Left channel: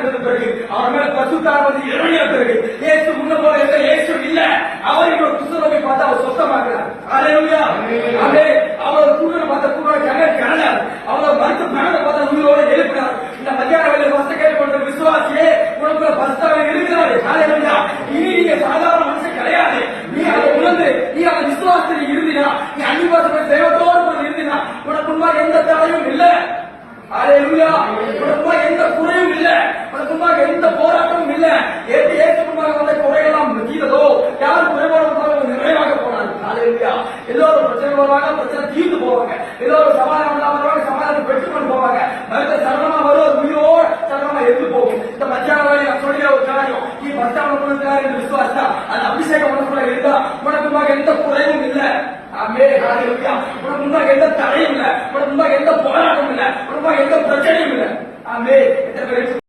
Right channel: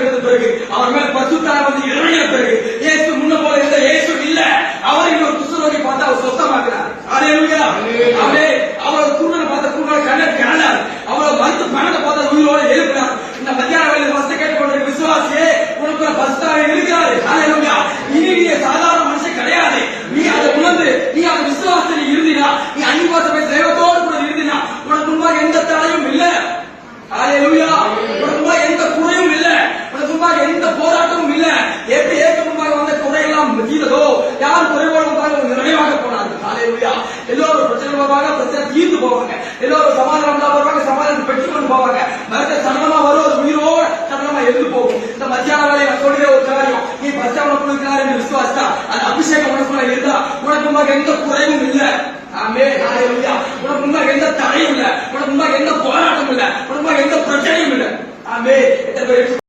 இருந்த பிறகு அவர் மேல் பசுத்தாவி இறங்கிய பிறகு இயேசு முன்ன போல இருந்த இயேசு இல்ல. அவர் இன்னொரு குஷ்டரோகி பார்த்து அவர் சொத்தமாக்குறார். அல்லேலூயா. அவரோட கூடல பார்த்த கூட கனடார். அவரோட மருத்து மனதை பார்த்த உயிரோட எழுப்பினார். இந்த மத்தியான வேளையில் வசத்தை கேட்டுக்கொண்ட விசுவாசியே, உனக்கு பசுத்தாவி இருக்கிறாரு. அல்லேலூயா. இனி நீ சாதாரண மனுஷன் கிடையாது. நீ அதை உணர்ந்து நீ அந்த விசுவாசத்தை இருந்தினா, நீ அன்னிவாசத்தை தெய்வத்தோடு கூட இருந்தினா, உனக்கு முன்பாக எந்த தடையும் இல்லை. அல்லேலூயா. உனக்கு எந்த குறையும் இல்ல, உனக்கு முன்பாக எந்த போராட்டமும் இல்ல. எப்படி ஏற்க முன்பாக வந்த குறையெல்லாம் தீர்ந்ததோ, யார் குறைவோடு வந்தாலும் நிறைவாக போனாங்க. அல்லேலூயா. எல்லோரும் பிரச்சனை வருவாங்க, பிரச்சனை தீர்ந்து போவாங்க. எல்லோரும் சமாதானம் வருவாங்க, சமாதானம் பெற்றுக்கொண்டு போவாங்க. மறுத்த சரணமா வரும், உயிரோட சரணமா எழுந்து போகும். இந்த மத்தியான வேலையை நான் சொல்கிற ஒரு காரியம், நீ பஸ்டாண்ட் கொடுக்கிறார் என்று விசுவாசா, அந்த அபிஷேகம் உனக்குள்ள இருந்தா உனக்கு முன்பாக எந்த குறையும் இல்ல. ஆமென். அல்லேலூயா. உனக்கு முன்பாக எந்த தடையும் இல்ல, உனக்கு முன்பாக எந்த போராட்டமும் இல்ல, உனக்கு முன்பாக எந்த பிரச்சனையும் இல்ல. ஆமென்.